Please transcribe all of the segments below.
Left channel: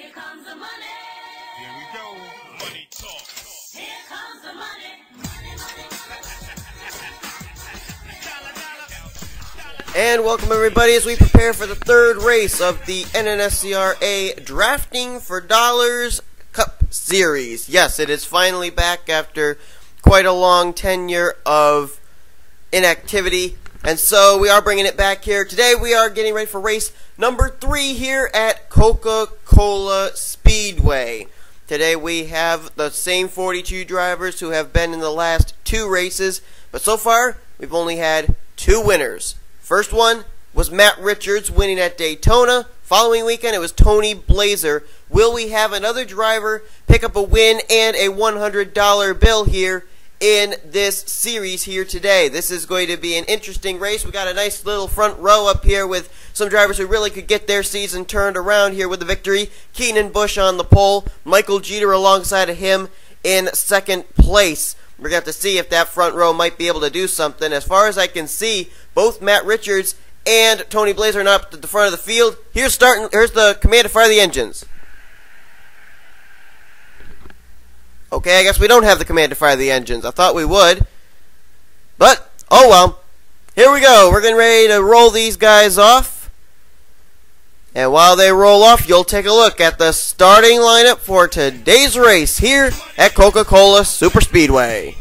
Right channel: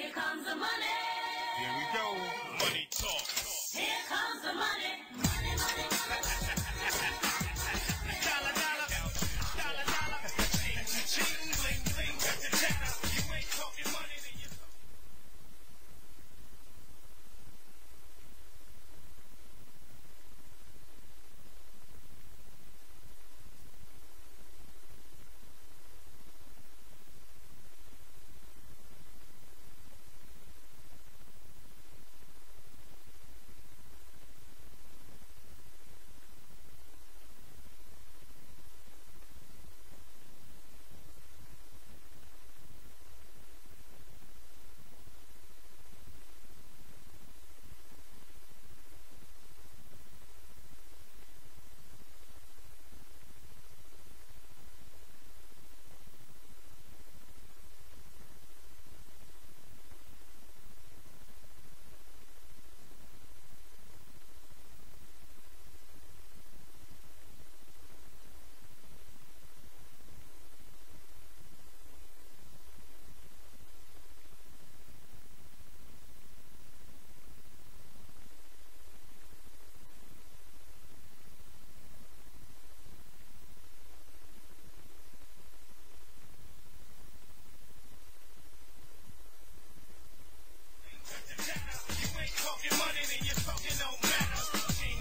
Here comes the money. Here we go. Money talk. Here comes the money. Money, money, money. And welcome everybody as we prepare for the third race of the NNSCRA Drafting for Dollars Cup Series. Yes, it is finally back after quite a long tenure of inactivity. And so we are bringing it back here. Today we are getting ready for race number 3 here at Coca-Cola Speedway. Today we have the same 42 drivers who have been in the last 2 races. But so far, we've only had 2 winners. First one was Matt Richards winning at Daytona. Following weekend, it was Tony Blazer. Will we have another driver pick up a win and a $100 bill here in this series here today? This is going to be an interesting race. We got a nice little front row up here with some drivers who really could get their season turned around here with the victory. Keenan Busch on the pole, Michael Jeter alongside of him in second place. We're going to have to see if that front row might be able to do something. As far as I can see, both Matt Richards and Tony Blazer are up at the front of the field. Here's the command to fire the engines. Okay, I guess we don't have the command to fire the engines. I thought we would. But, oh well. Here we go. We're getting ready to roll these guys off. And while they roll off, you'll take a look at the starting lineup for today's race here at Coca-Cola Superspeedway.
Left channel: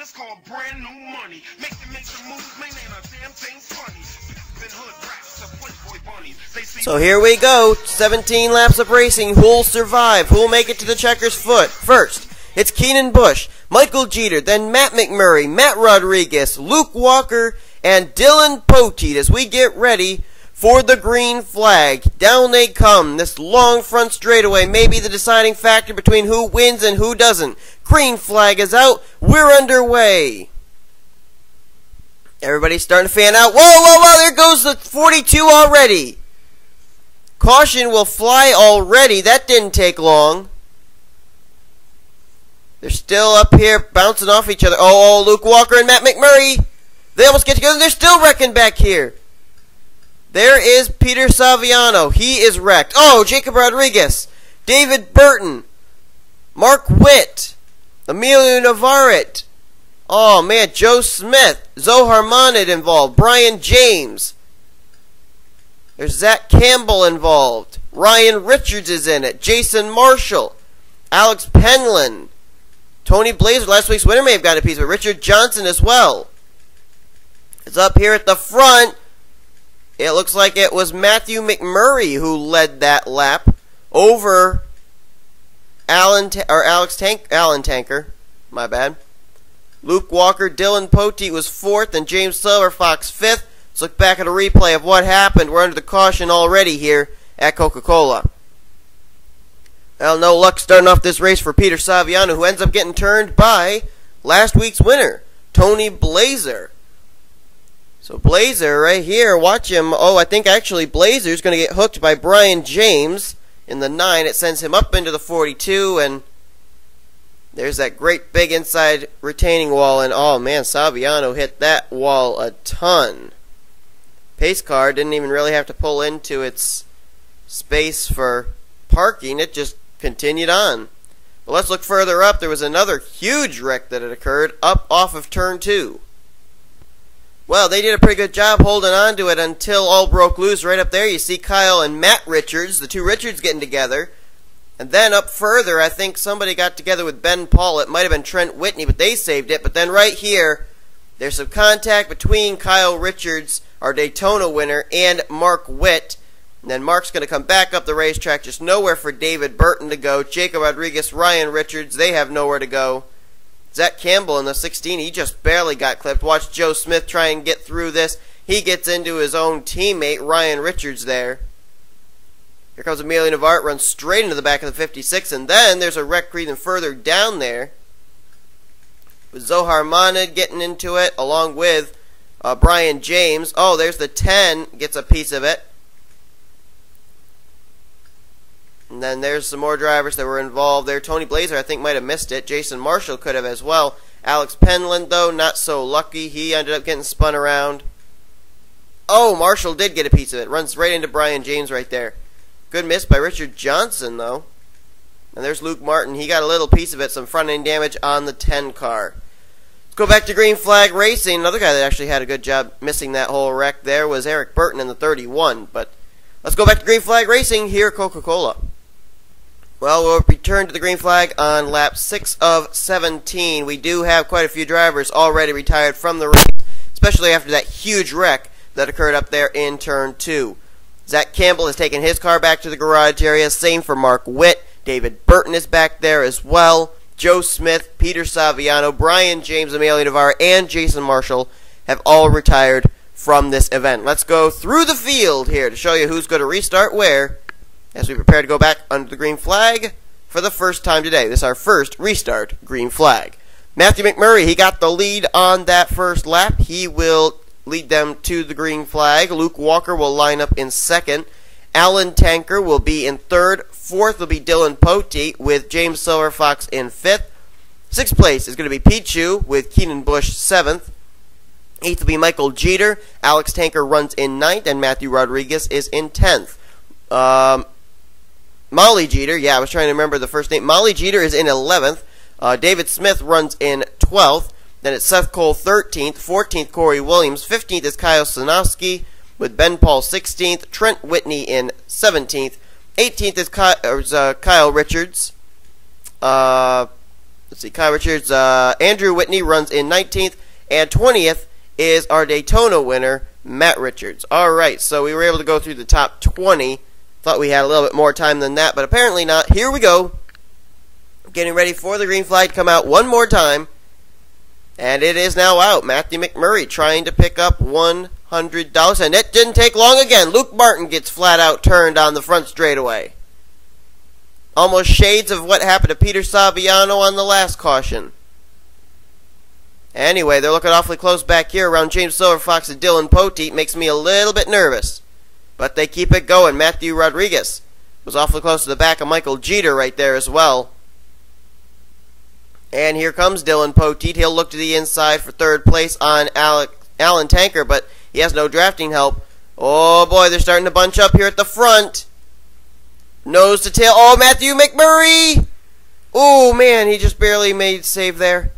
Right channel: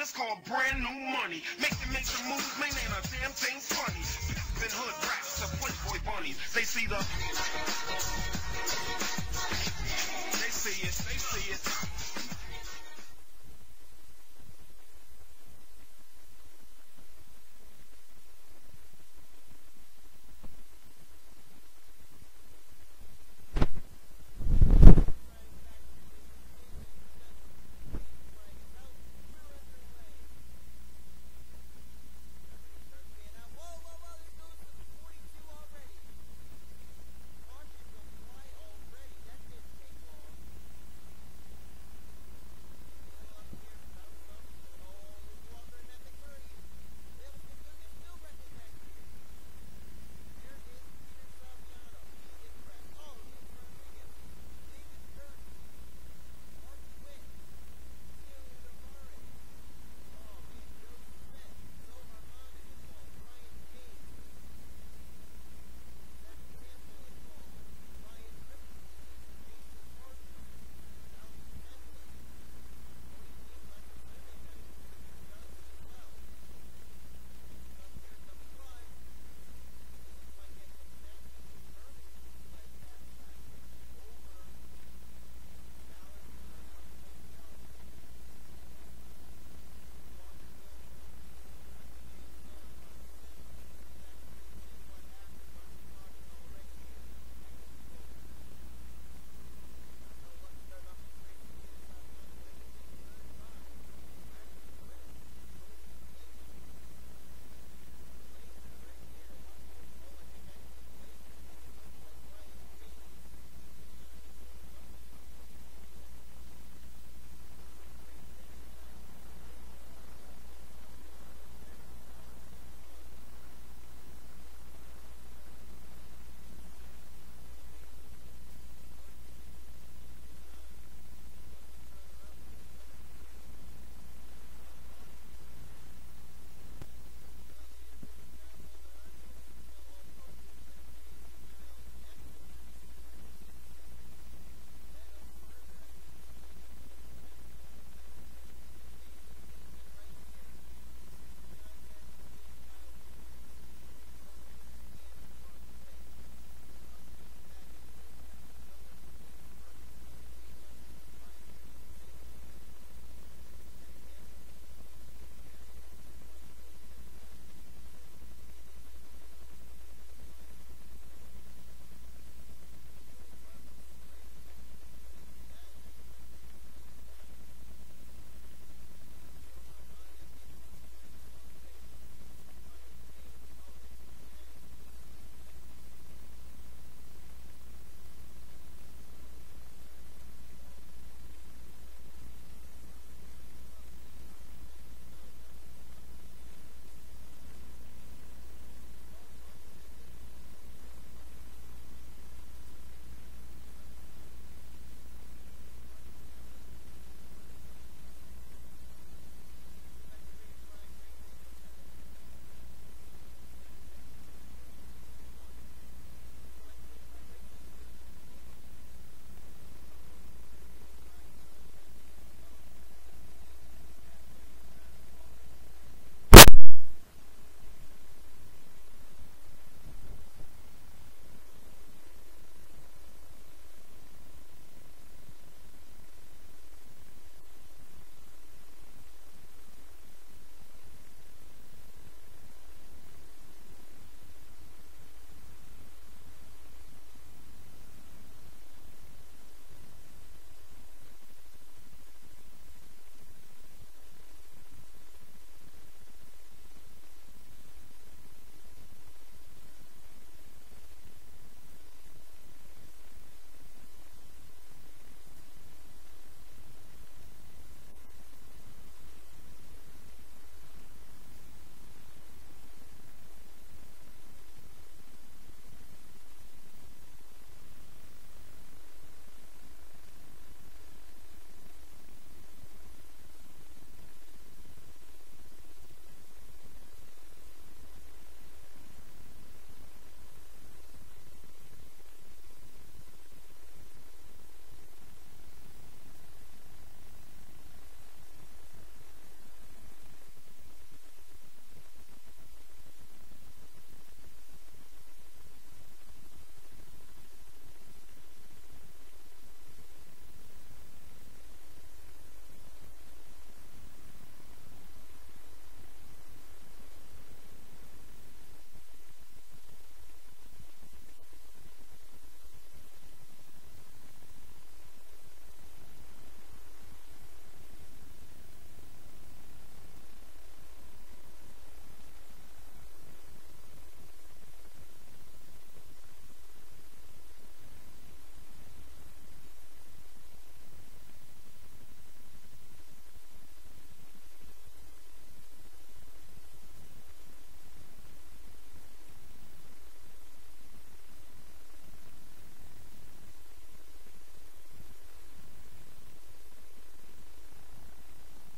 It's called brand new money. Make some moves, man, ain't a damn thing funny. Hood rats to Playboy bunnies. So here we go. 17 laps of racing. Who'll survive? Who'll make it to the checker's foot? First, it's Keenan Busch, Michael Jeter, then Matt McMurray, Matt Rodriguez, Luke Walker, and Dylan Poteet as we get ready for the green flag. Down they come. This long front straightaway may be the deciding factor between who wins and who doesn't. Green flag is out. We're underway. Everybody's starting to fan out. Whoa, whoa, whoa, there goes the 42 already. Caution will fly already. That didn't take long. They're still up here bouncing off each other. Oh, Luke Walker and Matt McMurray. They almost get together. They're still wrecking back here. There is Peter Saviano. He is wrecked. Oh, Jacob Rodriguez. David Burton. Mark Witt. Emilio Navarrete. Oh, man, Joe Smith. Zohar Monad involved. Brian James. There's Zach Campbell involved. Ryan Richards is in it. Jason Marshall. Alex Penland. Tony Blazer, last week's winner, may have gotten a piece, but Richard Johnson as well. It's up here at the front. It looks like it was Matthew McMurray who led that lap over Alan Tanker. My bad. Luke Walker, Dylan Poteet was 4th, and James Silverfox 5th. Let's look back at a replay of what happened. We're under the caution already here at Coca-Cola. Well, no luck starting off this race for Peter Saviano, who ends up getting turned by last week's winner, Tony Blazer. So Blazer right here, watch him. Oh, I think actually Blazer's going to get hooked by Brian James in the 9. It sends him up into the 42, and there's that great big inside retaining wall, and oh man, Saviano hit that wall a ton. Pace car didn't even really have to pull into its space for parking. It just continued on. But let's look further up. There was another huge wreck that had occurred up off of turn 2. Well, they did a pretty good job holding on to it until all broke loose. Right up there, you see Kyle and Matt Richards, the 2 Richards getting together. And then up further, I think somebody got together with Ben Paul. It might have been Trent Whitney, but they saved it. But then right here, there's some contact between Kyle Richards, our Daytona winner, and Mark Witt. And then Mark's going to come back up the racetrack. Just nowhere for David Burton to go. Jacob Rodriguez, Ryan Richards, they have nowhere to go. Zach Campbell in the 16, he just barely got clipped. Watch Joe Smith try and get through this. He gets into his own teammate, Ryan Richards, there. Here comes Emilio Navarre, runs straight into the back of the 56, and then there's a wreck even further down there with Zohar Monad getting into it, along with Brian James. Oh, there's the 10, gets a piece of it. And then there's some more drivers that were involved there. Tony Blazer, I think, might have missed it. Jason Marshall could have as well. Alex Penland, though, not so lucky. He ended up getting spun around. Oh, Marshall did get a piece of it. Runs right into Brian James right there. Good miss by Richard Johnson, though. And there's Luke Martin. He got a little piece of it. Some front-end damage on the 10 car. Let's go back to Green Flag Racing. Another guy that actually had a good job missing that whole wreck there was Eric Burton in the 31. But let's go back to Green Flag Racing here at Coca-Cola. Well, we'll return to the green flag on lap 6 of 17. We do have quite a few drivers already retired from the race, especially after that huge wreck that occurred up there in turn 2. Zach Campbell has taken his car back to the garage area. Same for Mark Witt. David Burton is back there as well. Joe Smith, Peter Saviano, Brian James, Emilio Navarre, and Jason Marshall have all retired from this event. Let's go through the field here to show you who's going to restart where as we prepare to go back under the green flag for the first time today. This is our first restart green flag. Matthew McMurray, he got the lead on that first lap. He will lead them to the green flag. Luke Walker will line up in second. Alan Tanker will be in third. Fourth will be Dylan Poteet with James Silverfox in fifth. Sixth place is going to be Pete Chu with Keenan Bush seventh. Eighth will be Michael Jeter. Alex Tanker runs in ninth, and Matthew Rodriguez is in 10th. Molly Jeter, I was trying to remember the first name. Molly Jeter is in 11th. David Smith runs in 12th. Then it's Seth Cole 13th. 14th, Corey Williams. 15th is Kyle Sanofsky with Ben Paul 16th. Trent Whitney in 17th. 18th is Kyle Richards. Kyle Richards. Andrew Whitney runs in 19th. And 20th is our Daytona winner, Matt Richards. Alright, so we were able to go through the top 20. Thought we had a little bit more time than that, but apparently not. Here we go. Getting ready for the green flag to come out one more time. And it is now out. Matthew McMurray trying to pick up $100. And it didn't take long again. Luke Martin gets flat out turned on the front straightaway. Almost shades of what happened to Peter Saviano on the last caution. Anyway, they're looking awfully close back here around James Silverfox and Dylan Poteet. Makes me a little bit nervous. But they keep it going. Matthew Rodriguez was awfully close to the back of Michael Jeter right there as well. And here comes Dylan Poteet. He'll look to the inside for third place on Alan Tanker, but he has no drafting help. Oh boy, they're starting to bunch up here at the front. Nose to tail. Oh, Matthew McMurray! Oh man, he just barely made save there.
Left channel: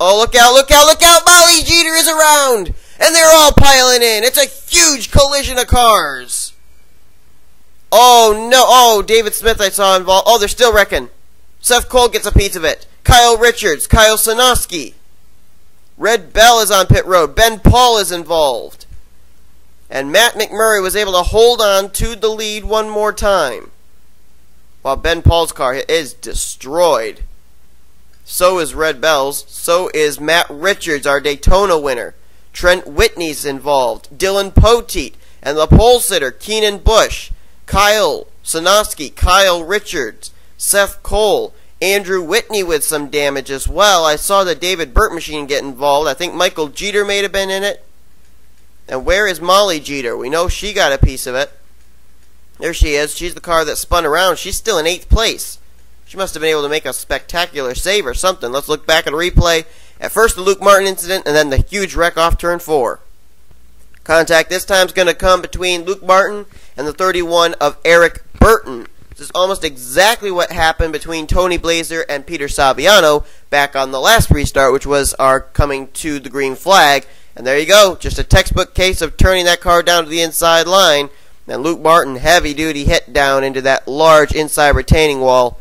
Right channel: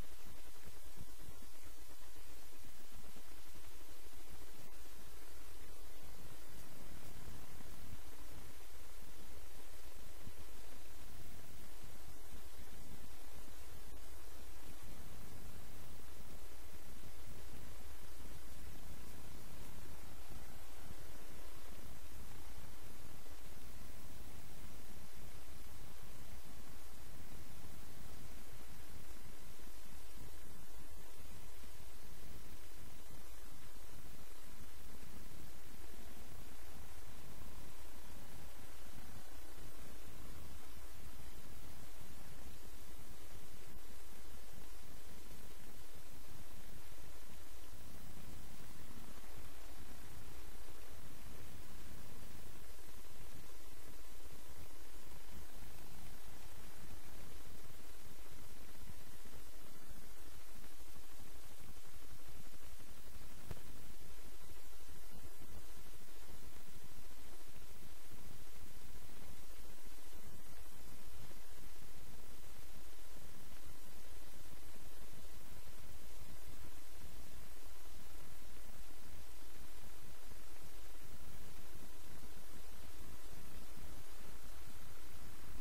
Oh, look out, look out, look out! Molly Jeter is around! And they're all piling in. It's a huge collision of cars. Oh, no. Oh, David Smith I saw involved. Oh, they're still wrecking. Seth Cole gets a piece of it. Kyle Richards. Kyle Sanofsky. Red Bell is on pit road. Ben Paul is involved. And Matt McMurray was able to hold on to the lead one more time. While Ben Paul's car is destroyed. So is Red Bell's. So is Matt Richards, our Daytona winner. Trent Whitney's involved, Dylan Poteet, and the pole sitter, Keenan Bush, Kyle Sanofsky, Kyle Richards, Seth Cole, Andrew Whitney with some damage as well. I saw the David Burt machine get involved. I think Michael Jeter may have been in it. And where is Molly Jeter? We know she got a piece of it. There she is. She's the car that spun around. She's still in 8th place. She must have been able to make a spectacular save or something. Let's look back at a replay. At first, the Luke Martin incident, and then the huge wreck off turn 4. Contact this time is going to come between Luke Martin and the 31 of Eric Burton. This is almost exactly what happened between Tony Blazer and Peter Saviano back on the last restart, which was our coming to the green flag. And there you go, just a textbook case of turning that car down to the inside line. And Luke Martin, heavy-duty hit down into that large inside retaining wall.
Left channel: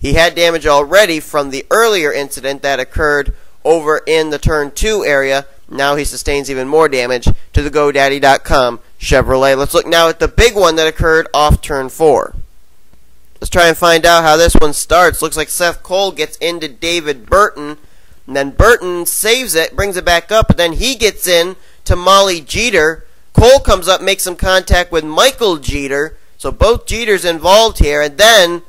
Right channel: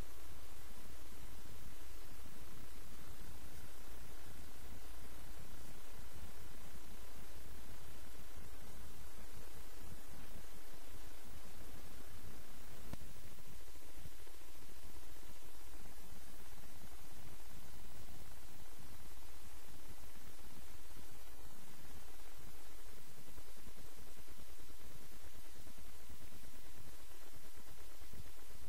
He had damage already from the earlier incident that occurred over in the turn 2 area. Now he sustains even more damage to the GoDaddy.com Chevrolet. Let's look now at the big one that occurred off turn 4. Let's try and find out how this one starts. Looks like Seth Cole gets into David Burton, and then Burton saves it, brings it back up, and then he gets in to Molly Jeter. Cole comes up, makes some contact with Michael Jeter. So both Jeters involved here, and then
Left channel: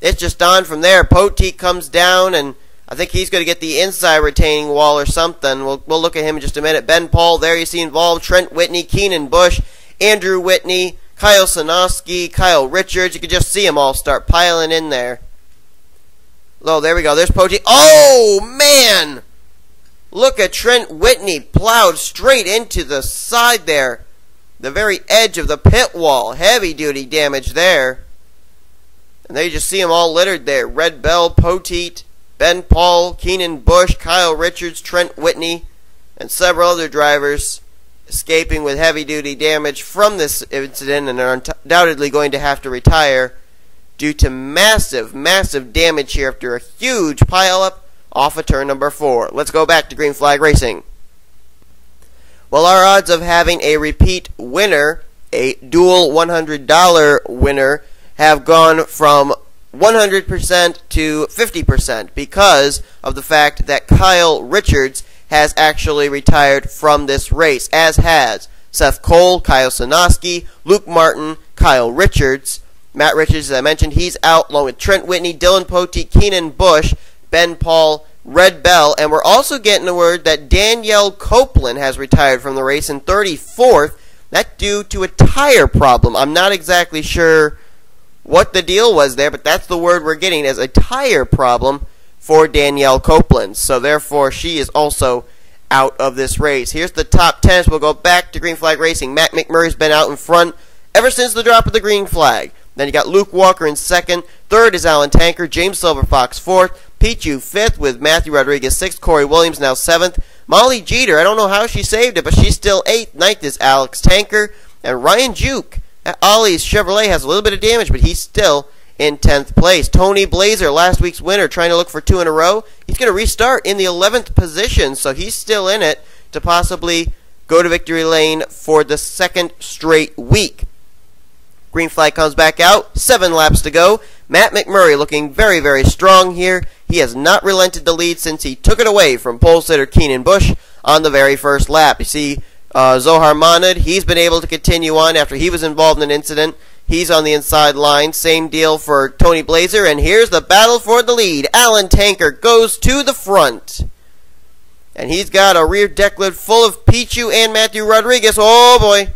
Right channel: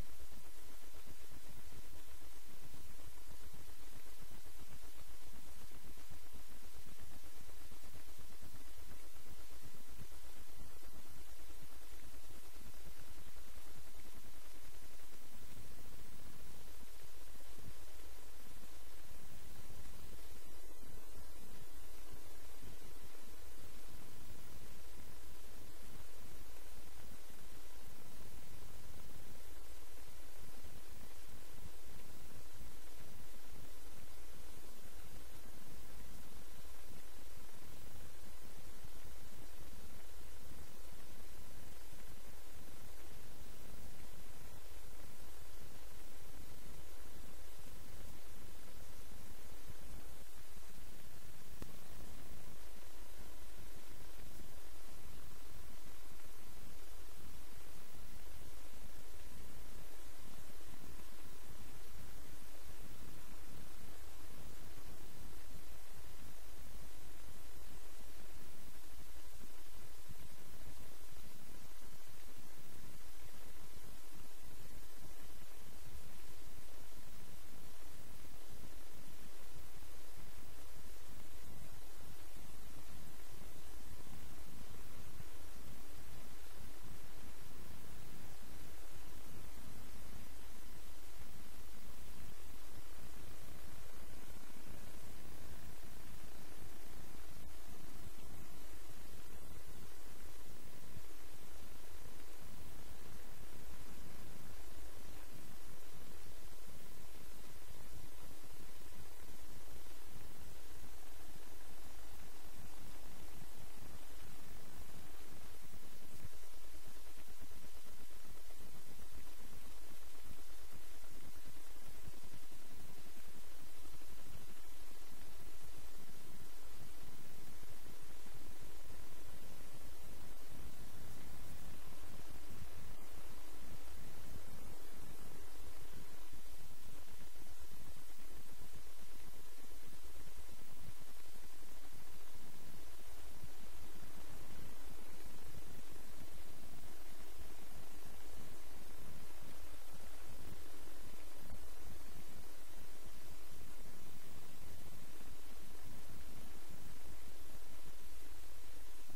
it's just on from there. Poteet comes down, and I think he's going to get the inside retaining wall or something. We'll look at him in just a minute. Ben Paul, there you see involved. Trent Whitney, Keenan Bush, Andrew Whitney, Kyle Sanoski, Kyle Richards. You can just see them all start piling in there. Oh, there we go. There's Poteet. Oh, man! Look at Trent Whitney plowed straight into the side there. The very edge of the pit wall. Heavy duty damage there. And there you just see them all littered there. Red Bell, Poteet, Ben Paul, Keenan Bush, Kyle Richards, Trent Whitney, and several other drivers escaping with heavy duty damage from this incident and are undoubtedly going to have to retire due to massive, massive damage here after a huge pileup off of turn number 4. Let's go back to green flag racing. Well, our odds of having a repeat winner, a dual $100 winner, have gone from 100% to 50% because of the fact that Kyle Richards has actually retired from this race, as has Seth Cole, Kyle Sanoski, Luke Martin, Kyle Richards. Matt Richards, as I mentioned, he's out along with Trent Whitney, Dylan Poteet, Keenan Bush, Ben Paul, Red Bell, and we're also getting the word that Danielle Copeland has retired from the race in 34th. That's due to a tire problem. I'm not exactly sure what the deal was there, but that's the word we're getting as a tire problem for Danielle Copeland. So therefore, she is also out of this race. Here's the top 10. So we'll go back to green flag racing. Matt McMurray's been out in front ever since the drop of the green flag. Then you got Luke Walker in second. Third is Alan Tanker. James Silverfox fourth. Pichu fifth with Matthew Rodriguez sixth. Corey Williams now seventh. Molly Jeter, I don't know how she saved it, but she's still eighth. Ninth is Alex Tanker. And Ryan Juke at Ollie's Chevrolet has a little bit of damage, but he's still in 10th place. Tony Blazer, last week's winner, trying to look for 2 in a row. He's going to restart in the 11th position, so he's still in it to possibly go to victory lane for the second straight week. Green flag comes back out. 7 laps to go. Matt McMurray looking very, very strong here. He has not relented the lead since he took it away from pole sitter Keenan Bush on the very first lap. You see Zohar Monad, he's been able to continue on after he was involved in an incident. He's on the inside line. Same deal for Tony Blazer. And here's the battle for the lead. Alan Tanker goes to the front. And he's got a rear deck lid full of Pichu and Matthew Rodriguez. Oh, boy.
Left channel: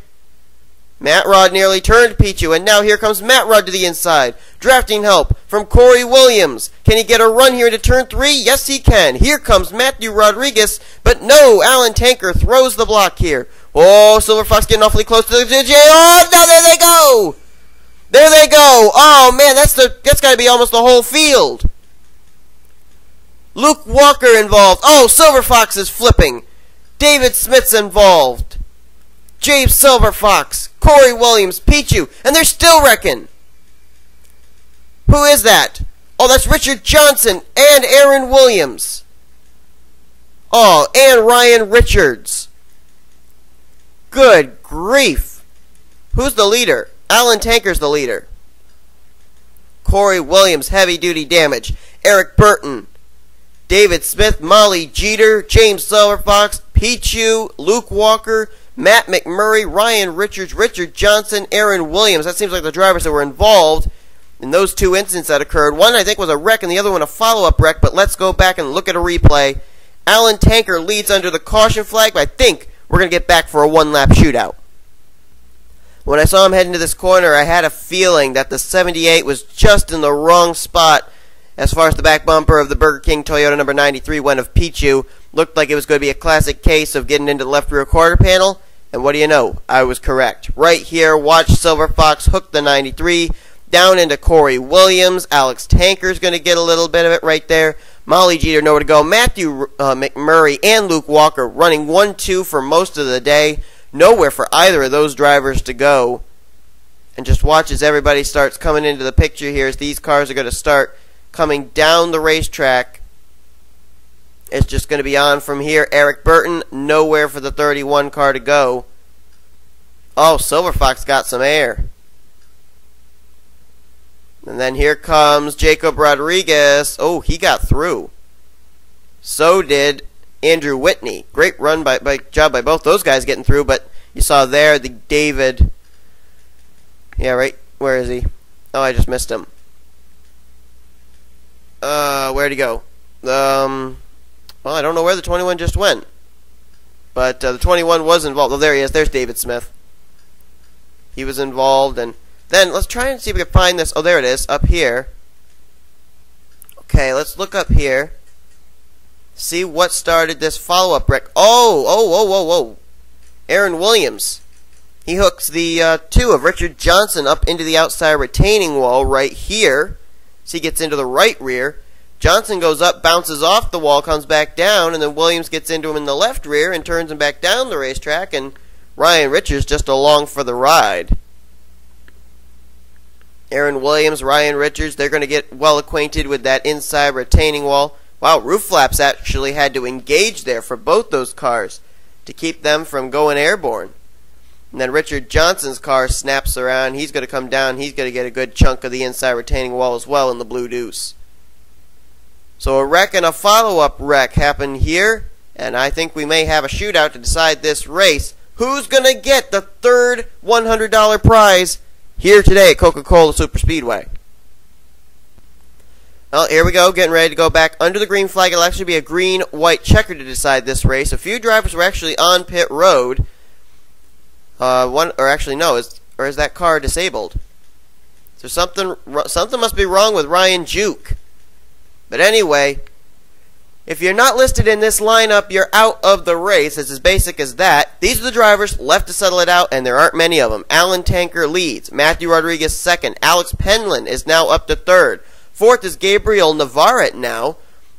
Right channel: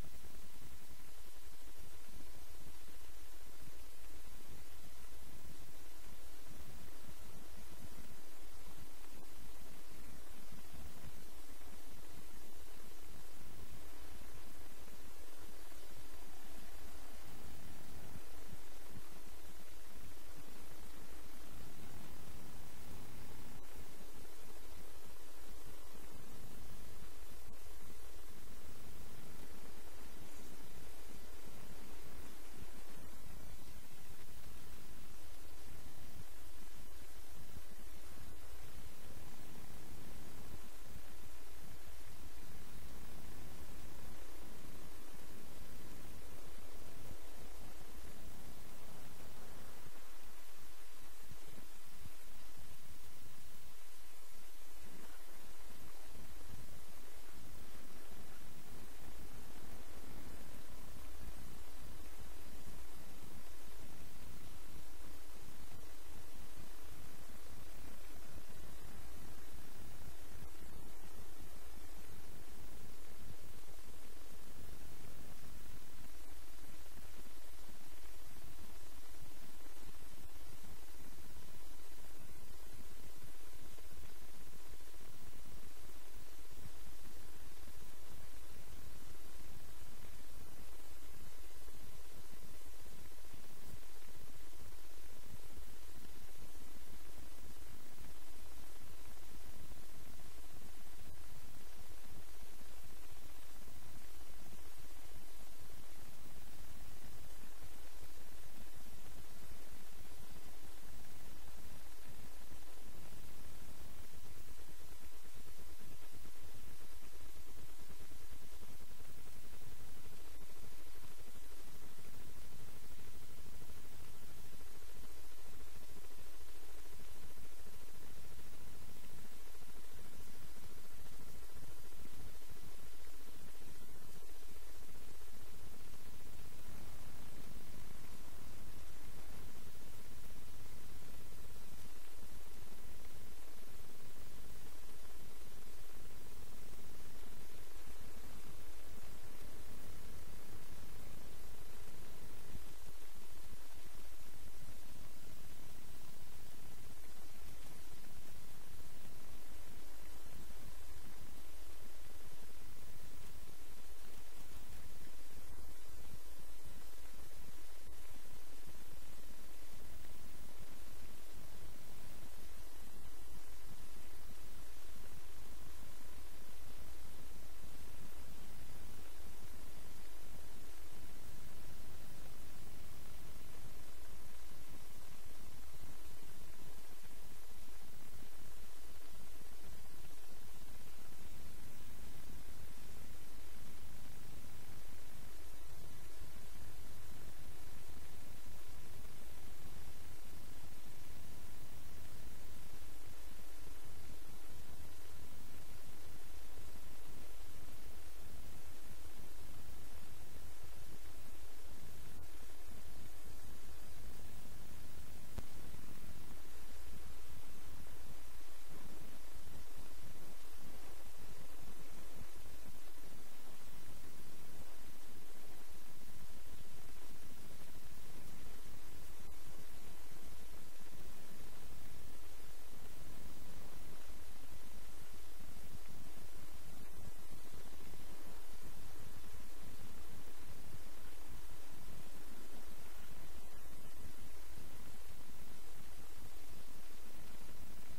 Matt Rod nearly turned Pichu. And now here comes Matt Rod to the inside. Drafting help from Corey Williams. Can he get a run here into turn 3? Yes, he can. Here comes Matthew Rodriguez. But no, Alan Tanker throws the block here. Oh, Silver Fox getting awfully close to the DJ. Oh, no, there they go. There they go. Oh, man, that's got to be almost the whole field. Luke Walker involved. Oh, Silver Fox is flipping. David Smith's involved. James Silver Fox, Corey Williams, Pichu, and they're still wrecking. Who is that? Oh, that's Richard Johnson and Aaron Williams. Oh, and Ryan Richards. Good grief. Who's the leader? Alan Tanker's the leader. Corey Williams, heavy-duty damage. Eric Burton. David Smith, Molly Jeter, James Silverfox, Pichu, Luke Walker, Matt McMurray, Ryan Richards, Richard Johnson, Aaron Williams. That seems like the drivers that were involved in those 2 incidents that occurred. One, I think, was a wreck, and the other one a follow-up wreck, but let's go back and look at a replay. Alan Tanker leads under the caution flag, but I think we're going to get back for a 1-lap shootout. When I saw him head into this corner, I had a feeling that the 78 was just in the wrong spot as far as the back bumper of the Burger King Toyota number 93 went of Pichu. Looked like it was going to be a classic case of getting into the left rear quarter panel, and what do you know? I was correct. Right here, watch Silver Fox hook the 93 down into Corey Williams. Alex Tanker's going to get a little bit of it right there. Molly Jeter nowhere to go. Matthew McMurray and Luke Walker running 1-2 for most of the day. Nowhere for either of those drivers to go. And just watch as everybody starts coming into the picture here as these cars are going to start coming down the racetrack. It's just going to be on from here. Eric Burton, nowhere for the 31 car to go. Oh, Silver Fox got some air. And then here comes Jacob Rodriguez. Oh, he got through. So did Andrew Whitney. Great run job by both those guys getting through, but you saw there the David. Yeah, right. Where is he? Oh, I just missed him. Where'd he go? Well, I don't know where the 21 just went. But the 21 was involved. Oh, there he is. There's David Smith. He was involved. And then let's try and see if we can find this. Oh, there it is. Up here. Okay, let's look up here. See what started this follow-up wreck. Oh. Aaron Williams. He hooks the 2 of Richard Johnson up into the outside retaining wall right here. So he gets into the right rear. Johnson goes up, bounces off the wall, comes back down, and then Williams gets into him in the left rear and turns him back down the racetrack, and Ryan Richards just along for the ride. Aaron Williams, Ryan Richards, they're going to get well acquainted with that inside retaining wall. Wow, roof flaps actually had to engage there for both those cars to keep them from going airborne. And then Richard Johnson's car snaps around. He's going to come down. He's going to get a good chunk of the inside retaining wall as well in the Blue Deuce. So a wreck and a follow-up wreck happened here, and I think we may have a shootout to decide this race. Who's going to get the third $100 prize here today at Coca-Cola Superspeedway? Well, here we go, getting ready to go back under the green flag. It'll actually be a green-white checker to decide this race. A few drivers were actually on pit road. Is that car disabled? So something must be wrong with Ryan Juke. But anyway, if you're not listed in this lineup, you're out of the race. It's as basic as that. These are the drivers left to settle it out, and there aren't many of them. Alan Tanker leads. Matthew Rodriguez second. Alex Penland is now up to third. Fourth is Gabriel Navarrete now.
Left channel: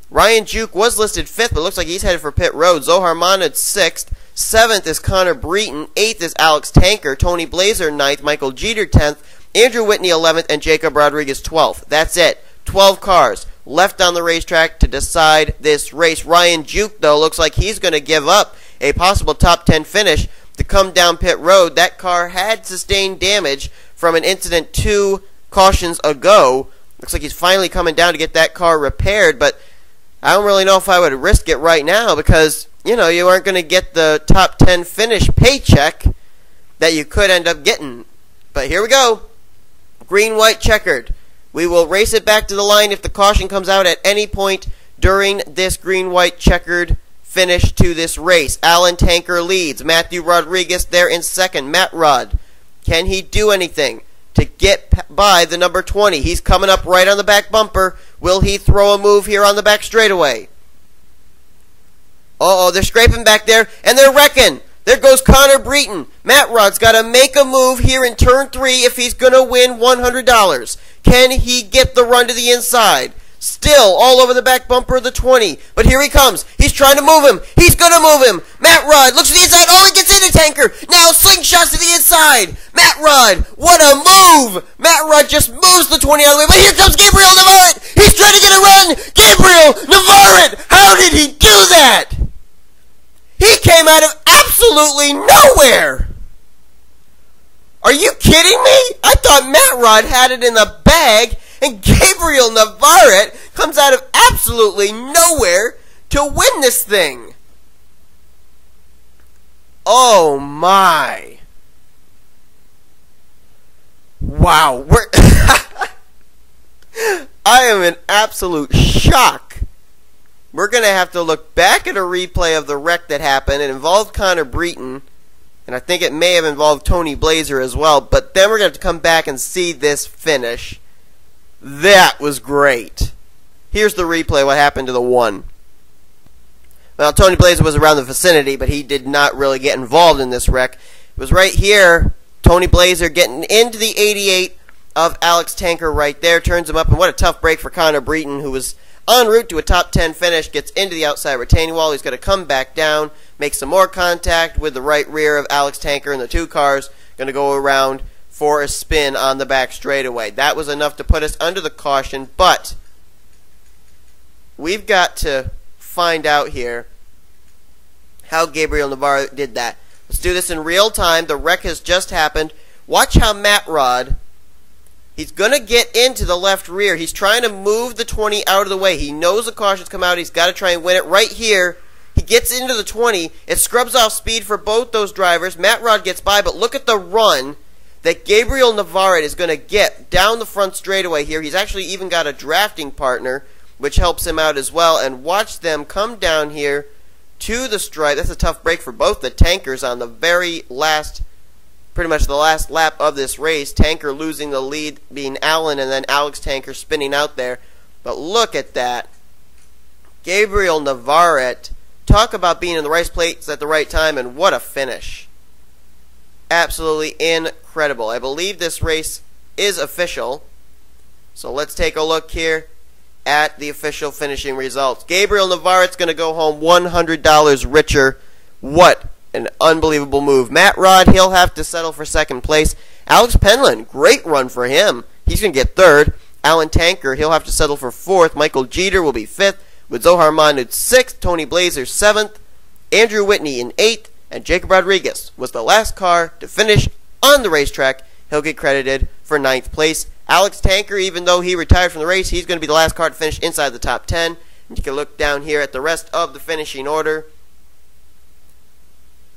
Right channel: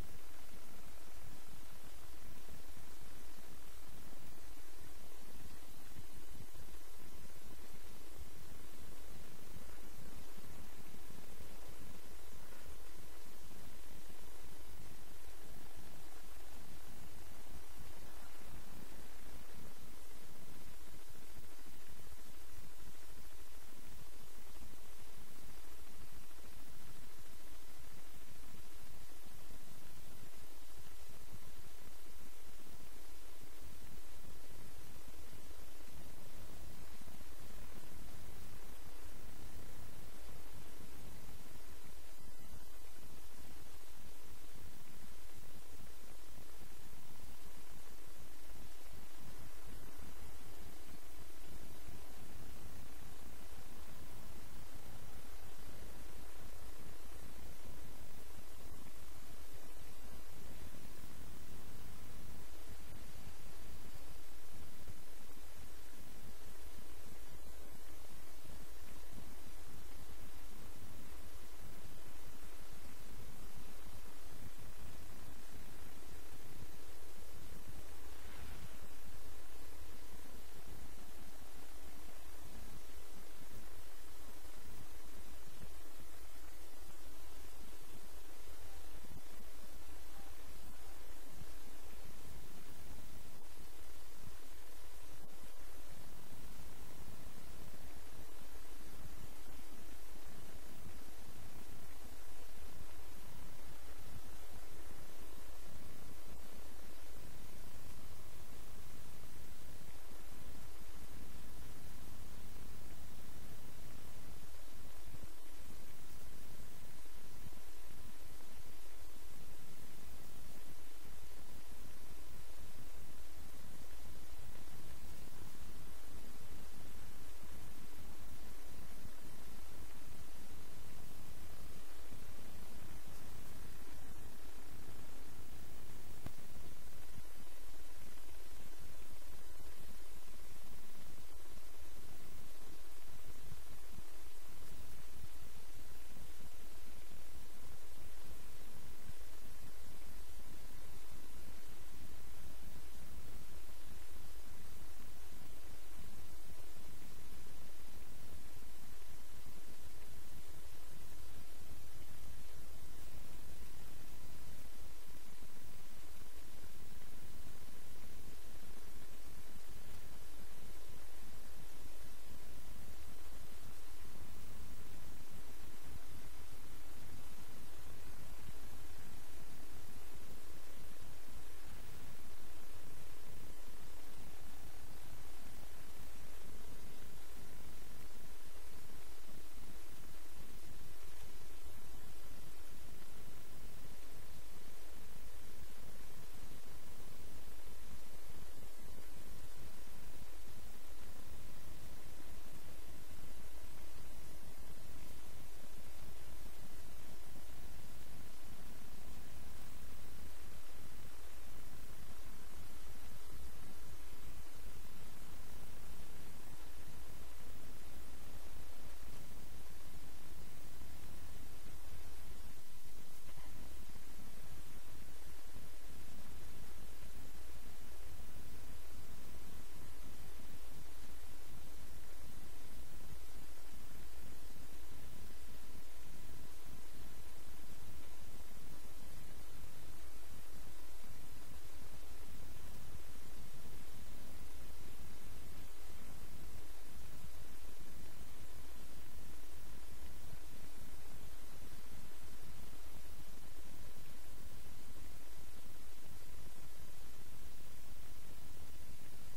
Ryan Juke was listed fifth, but looks like he's headed for pit road. Zohar Monad sixth. Seventh is Connor Breton. Eighth is Alex Tanker. Tony Blazer ninth. Michael Jeter 10th. Andrew Whitney 11th. And Jacob Rodriguez 12th. That's it. 12 cars left on the racetrack to decide this race. Ryan Juke, though, looks like he's going to give up a possible top 10 finish to come down pit road. That car had sustained damage from an incident 2 cautions ago. Looks like he's finally coming down to get that car repaired, but I don't really know if I would risk it right now because, you know, you aren't going to get the top 10 finish paycheck that you could end up getting. But here we go. Green-white checkered. We will race it back to the line if the caution comes out at any point during this green-white checkered finish to this race. Alan Tanker leads. Matthew Rodriguez there in second. Matt Rod, can he do anything to get by the number 20? He's coming up right on the back bumper. Will he throw a move here on the back straightaway? Uh-oh, they're scraping back there, and they're wrecking. There goes Connor Breton. Matt Rod's got to make a move here in turn 3 if he's going to win $100. Can he get the run to the inside? Still all over the back bumper of the 20. But here he comes. He's trying to move him. He's going to move him. Matt Rod looks to the inside. Oh, he gets into Tanker. Now slingshots to the inside. Matt Rod, what a move. Matt Rod just moves the 20 out of the way. But here comes Gabriel Navarrete. He's trying to get a run. Gabriel Navarrete. How did he do that? He came out of absolutely nowhere. Are you kidding me? I thought Matt Rod had it in the bag, and Gabriel Navarrete comes out of absolutely nowhere to win this thing. Oh my. Wow. I am in absolute shock. We're going to have to look back at a replay of the wreck that happened. It involved Connor Breton, and I think it may have involved Tony Blazer as well. But then we're going to have to come back and see this finish. That was great. Here's the replay, what happened to the 1. Well, Tony Blazer was around the vicinity, but he did not really get involved in this wreck. It was right here, Tony Blazer getting into the 88 of Alex Tanker right there. Turns him up, and what a tough break for Connor Breton, who was en route to a top 10 finish, gets into the outside retaining wall. He's going to come back down, make some more contact with the right rear of Alex Tanker, and the 2 cars going to go around for a spin on the back straightaway. That was enough to put us under the caution, but we've got to find out here how Gabriel Navarrete did that. Let's do this in real time. The wreck has just happened. Watch how Matt Rod, he's going to get into the left rear. He's trying to move the 20 out of the way. He knows the caution's come out. He's got to try and win it right here. He gets into the 20. It scrubs off speed for both those drivers. Matt Rod gets by, but look at the run that Gabriel Navarrete is going to get down the front straightaway here. He's actually even got a drafting partner, which helps him out as well. And watch them come down here to the stripe. That's a tough break for both the tankers on the very last, pretty much the last lap of this race. Tanker losing the lead being Allen, and then Alex Tanker spinning out there. But look at that. Gabriel Navarrete, talk about being in the right place at the right time, and what a finish. Absolutely incredible. I believe this race is official. So let's take a look here at the official finishing results. Gabriel Navarrete's going to go home $100 richer. What an unbelievable move. Matt Rod, he'll have to settle for second place. Alex Penland, great run for him. He's going to get third. Alan Tanker, he'll have to settle for fourth. Michael Jeter will be fifth, with Zohar Mahmoud sixth. Tony Blazer seventh. Andrew Whitney in eighth. And Jacob Rodriguez was the last car to finish on the racetrack. He'll get credited for ninth place. Alex Tanker, even though he retired from the race, he's going to be the last car to finish inside the top 10. And you can look down here at the rest of the finishing order,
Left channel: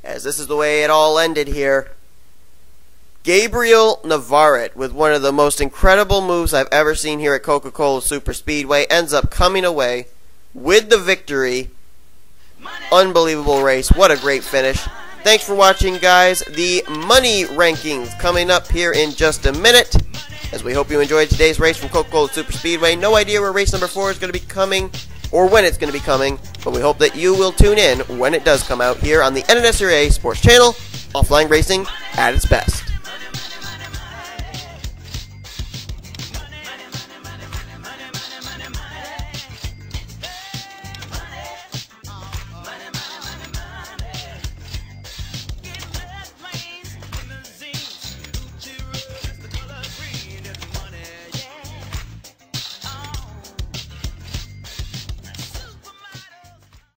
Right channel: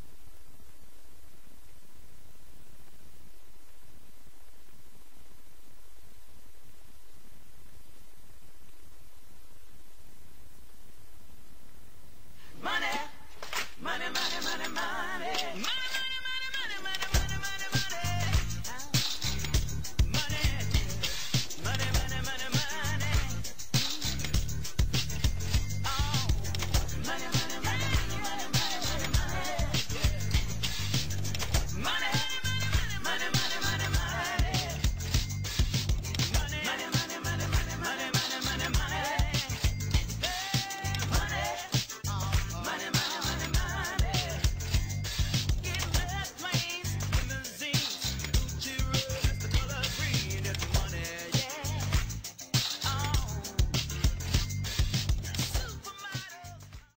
as this is the way it all ended here. Gabriel Navarrete, with one of the most incredible moves I've ever seen here at Coca-Cola Superspeedway, ends up coming away with the victory. Unbelievable race. What a great finish. Thanks for watching, guys. The money rankings coming up here in just a minute, as we hope you enjoyed today's race from Coca-Cola Superspeedway. No idea where race number 4 is going to be coming or when it's going to be coming, but we hope that you will tune in when it does come out here on the NNSCRA Sports Channel. Offline racing at its best.